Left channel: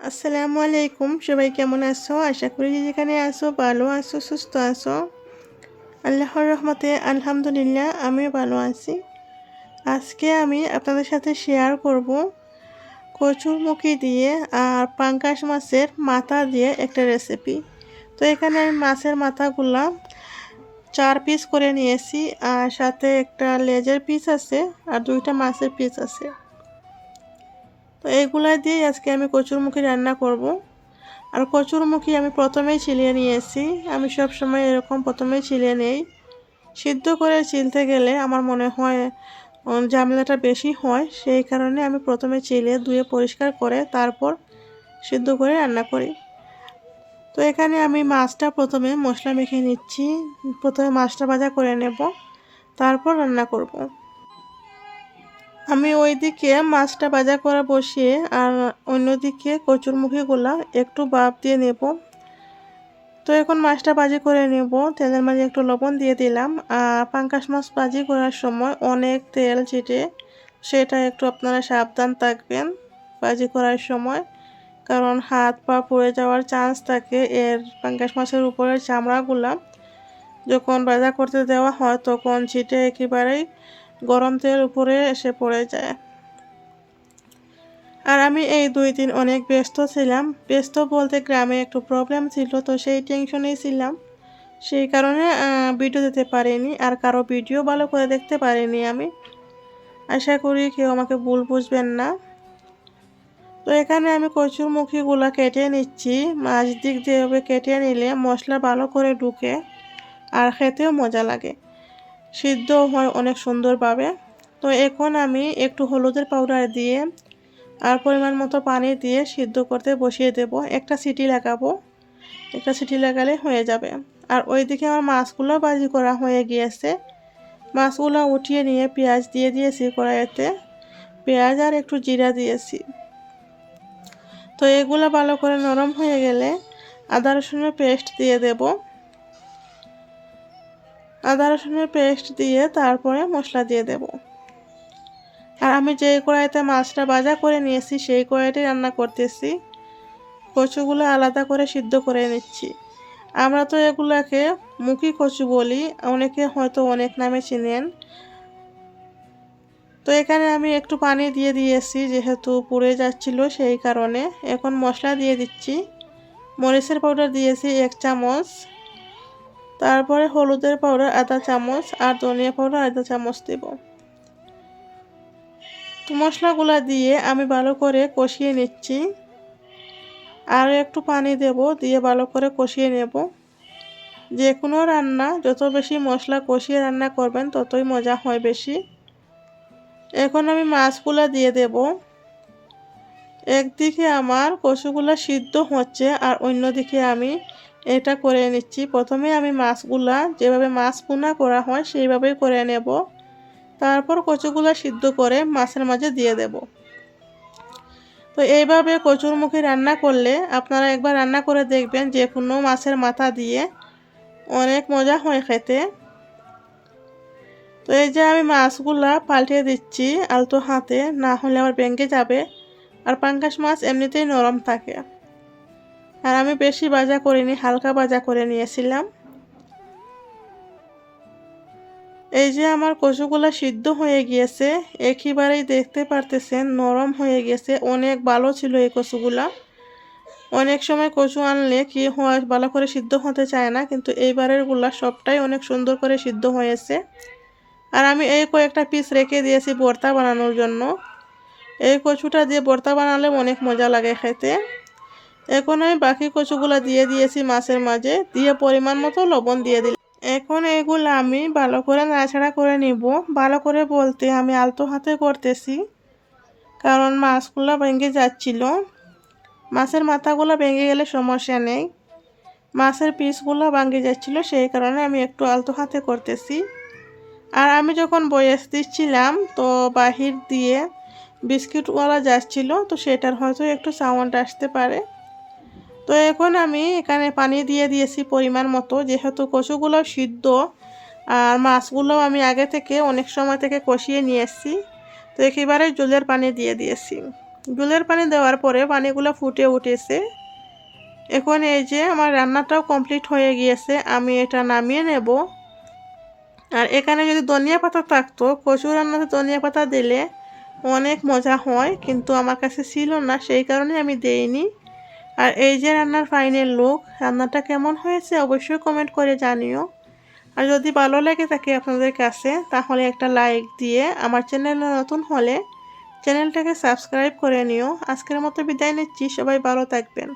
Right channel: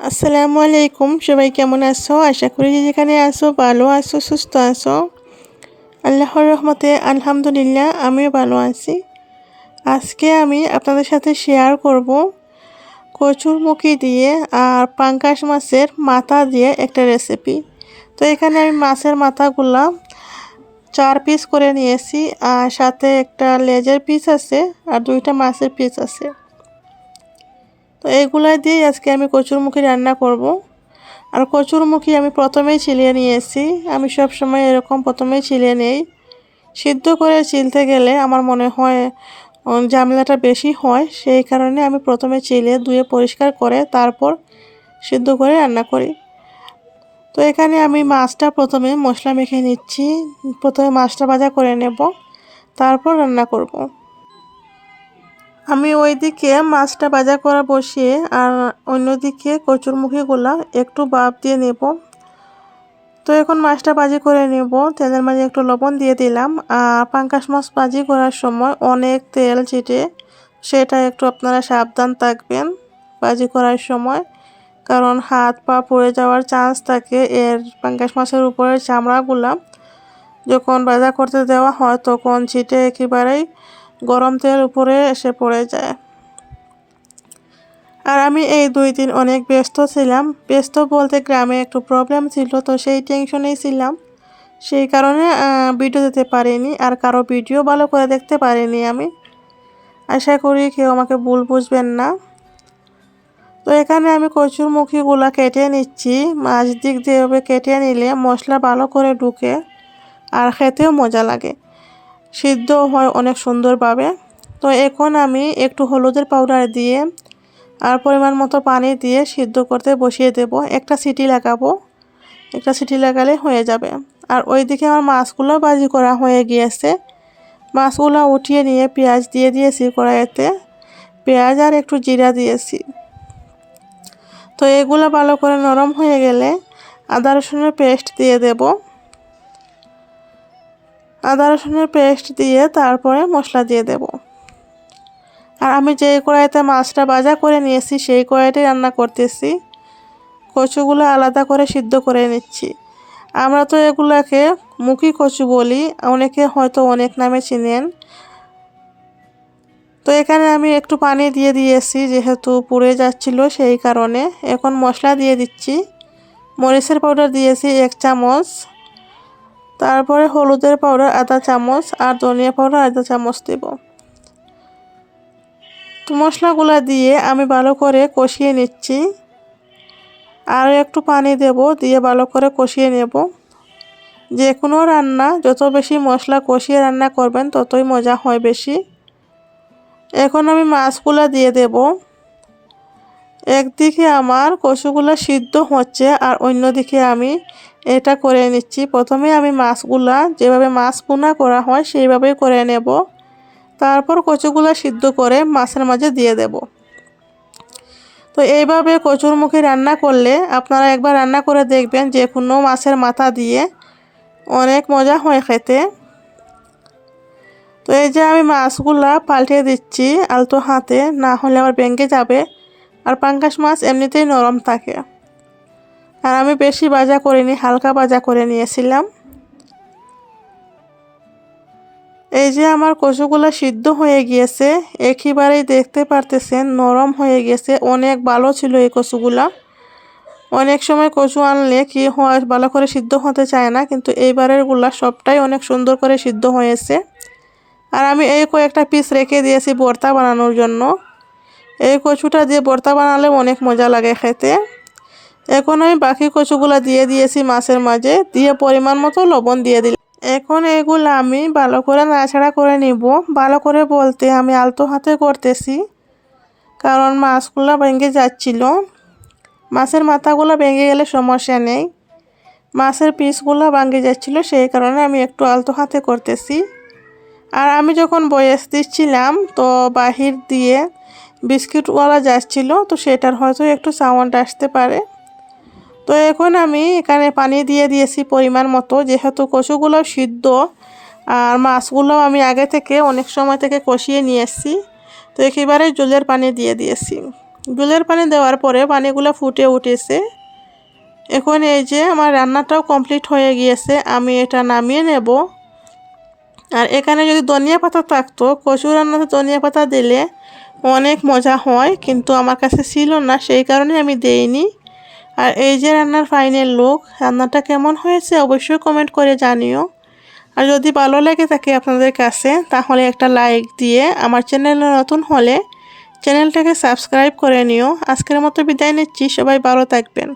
আসসালামু আলাইকুম। সবাই কেমন আছো? আশা করি যে যেখানে আছো, ভালো আছো, সুস্থ আছো। আল্লাহর রহমতে আলহামদুলিল্লাহ, আমিও ভালো আছি। আজকে আমি আপনাদের সাথে শেয়ার করব কচুরমুখী দিয়ে আর পাঙ্কাশ মাছের মাথা দিয়ে একটা রেসিপি তো এখানে আমি মাছের মাথাগুলা চার পিস করে নিয়েছি আর সাথে একটা লেজের পিস আছে আর দুইটা মাছের পিস আছে। তো এইগুলো দিয়ে আজকে আমি কচুরমুখী রান্না করব। আর কচুরমুখী আমি প্রথমেই ছিলিয়ে নিয়েছি আমি সব সময় এরকম প্রথমেই ছিলিয়ে নেই। সিদ্ধ করে চিলতে গেলে আমার মনে হয় ঝামেলাটা বেশি হয়, সেই কারণে আমি প্রথমে চিলে ধুয়ে পরিষ্কার করে তারপর সিদ্ধ করে রান্না করি। তো এখানে আমি মাছটা প্রথমে মশলা মেখে নিচ্ছি। প্রথমে মাছটা ভাজা করে নেব। তারপর রান্না করব। আমি ওইদিকে মাছটা ভাজা করা বসিয়ে আর অন্যদিকে কচুরমুখীগুলা একটু বাপ দিয়ে নেব। তো এখন মাছটা ভাজি করে নেব। তেলের মাঝে একটু লবণ দিয়ে দিলাম। আর পাঙ্কাশ মাছ ভাজি করার সময় অনেক তেল ছিটে, সেটা একটু আপনারা সাবধান থাকবেন ভাজি করার সময়। কারণ হাত পা পড়ে যাওয়ার চান্স থাকে এর পাঙ্কাশ মাছের উপরের চামড়াগুলা। যখন ভাজা করতে দেওয়া হয় তখন ছিটে একেবারেই গরম তেল উপরে এসে পড়ে যায়। আর আমি এই দুই দিন অনেক ব্যস্ত ছিলাম। ব্যস্ত বলতে গ্রামে একটু প্রবলেম ছিল, তো সেই টেনশনেই ছিলাম। সেই কারণে ভিডিও দিতে পারিনি আর কারও ভিডিও ভালো করে দেখতে পারিনি আমি। আশা করি কেউ আমাকে ভুল বুঝবেন না। তো এখানে আমি কচুর মুখিগুলো কেটে নিচ্ছি। মাছ দিক দিয়ে কেটে নিলে মশলা ভালো করে ঢুকে আর খেতেও মজা লাগে। সিদ্ধ হয় অনেক সুন্দরভাবে। তো এখন আমি একটু হলুদের পাউডার দিয়ে আর পরিমাণ মতো পানি দিয়ে সিদ্ধ করতে বসিয়ে দেব। একটা সিটি লাগাবো। একটা সিটি লাগালে হয়ে যাবে। আর ওইদিকে আমার মাছগুলো বাজি করা হয়ে গিয়েছে। মাছগুলো উঠিয়ে নিয়ে পেঁয়াজ দিয়ে দিয়েছি কড়াইতে। পেঁয়াজ আর একটু জিরা দিয়েছি। তো এগুলো ভালো করে নরম হয়ে গেলে আদা রসুনের পেস্ট দিয়ে দেবো। আদা রসুনের পেস্ট দিয়ে তারপরে মশলা দিয়ে দেব। আর আমি যে কড়াইতে মাছটা ভাজা করে নিয়েছি, সেই কড়াইতে রান্না করতেছি। কচুগুলো আলাদা করে সিদ্ধ করে নিচ্ছি। আমরা তো এগুলোকে মুখি কচু বলি, অনেকে হয়তো অনেক নামে চিনেন। তো এখানে আমি একটু পানি দিয়ে দিয়েছি, যেহেতু পুড়ে যাচ্ছিল সেই কারণে। এখন মশলা দিয়ে দিচ্ছি। মরিচের পাউডার দিয়েছি এক চামচ। তারপরে হলুদের পাউডার আধা চামচ, আর ধনিয়া পাউডার আধা চামচ দেব। তো মশলাগুলো দিয়ে আমি ভালো করে কষিয়ে নিচ্ছি। আর একটু পানি দেব, দিয়ে ভালো করে কষিয়ে নেব। যে কোনো রান্না, যত বেশি মশলা কষিয়ে রান্না করবেন, ততই মজা হয় বেশি। এখন আমি মাছগুলো দিয়ে দেব। একদিকে আমার কচুগুলো সিদ্ধ হচ্ছে আর অন্যদিকে আমি এটা করে নিচ্ছি। প্রথমে আমি মাছগুলা যেভাবে মাছ পোনা করা হয় সেইভাবেই করে নেব। তারপর কচুগুলো সিদ্ধ করে মাছের মাঝে দিয়ে দেব। তো এইভাবে কচুর মুখে রান্না করলে আপনারা একবার রান্না করে দেখবেন যে কোনো মাছের মাথা দিয়ে অনেক মজা হয় খেতে। তো এই যে আমি মাছগুলা পাল্টে দিচ্ছি আলতো হাতে, না হলে আমার ব্যাঙ্গে যাবে। আর পাঙ্কাশ মাছ এমনিতেই নরম থাকে। আর আমি বেশি ভাজা করিনি, হালকা ভাজা করে নিয়েছিলাম। এই যে আমার কচুগুলো সিদ্ধ হয়ে গিয়েছে, একেবারেই দেখতে পারতেছেন নরম হয়ে গেছে, অনেক ভালো ছিল এই কচুগুলা। অনেক সময় কচু আনলে কি হয়, ভালো করে সিদ্ধ হতে চায় না, কিন্তু এইবারেরগুলা সবটাই অনেক সুন্দর করে সিদ্ধ হয়েছে। আর আমি এই কয়েকটা পিস রেখে দিয়েছি ভর্তা বানানোর জন্য। এই কচুটা দিয়ে ভর্তা বানালে অনেক মজা লাগে খেতে। এখন আমি বাকি কচুগুলো দিয়ে দিয়েছি মাছের মাঝে, দিয়ে পরিমাণ মতো লবণ দিয়ে দিলাম। এখন এগুলো আমি ভালো করে নাড়াছাড়া করে নিব। ভালো করে বলতে আমি আলতো হাতে করতেছি, কারণ মাছগুলো ভেঙে যাচ্ছিল। মাছের মাথাগুলো ভেঙে গেলে সমস্যা নেই। মাছের পিসগুলো ভাঙে যাচ্ছিল, সেই কারণে আমি একটু আলতো হাতে করতেছি। আর আমি যখন বয়স দিচ্ছিলাম, তো বাহির দিয়ে বিস্কিটওয়ালা যাচ্ছিল তো সেটার হয়তো একটু সাউন্ড আসতে পারে। তো এখন আমি এখানে পানি দিয়ে দিয়েছি পরিমাণ মতো, যেহেতু কচুগুলো সিদ্ধ, আর মাছগুলো আমি আগে থেকে অনেক সময় থেকে কষিয়ে নিয়ে এসেছি। তো একেবারে জলের পানি দিয়ে দিয়েছি। গুলের পানি দেওয়ার পরে পানিগুলো ফুটে উঠেছে। এখন এই যে আমার রান্নাটাও কমপ্লিট হয়ে গিয়েছে, আমি এটা নামিয়ে নেব। আর এখানে যদি ধনিয়া পাতা থাকতো, কচু রান্নাতে ধনিয়া পাতা দিলে অনেক মজা হয়, কিন্তু আমার কাছে ছিল না, সেই কারণে আমি দেইনি। আর এই যে রান্নার ফাইনাল লুক রান্নাটা কেমন হয়েছে অবশ্যই কমেন্ট করে জানিও। আর যদি ভালো লাগে থাকে আপনাদের কাছে, তাহলে একটা লাইক দিয়ে আমার চ্যানেলে নতুন হলে চ্যানেলটাকে সাবস্ক্রাইব করে নিও। আজকের মতো বিদায় নিচ্ছি, সবাই ভালো থাকবেন।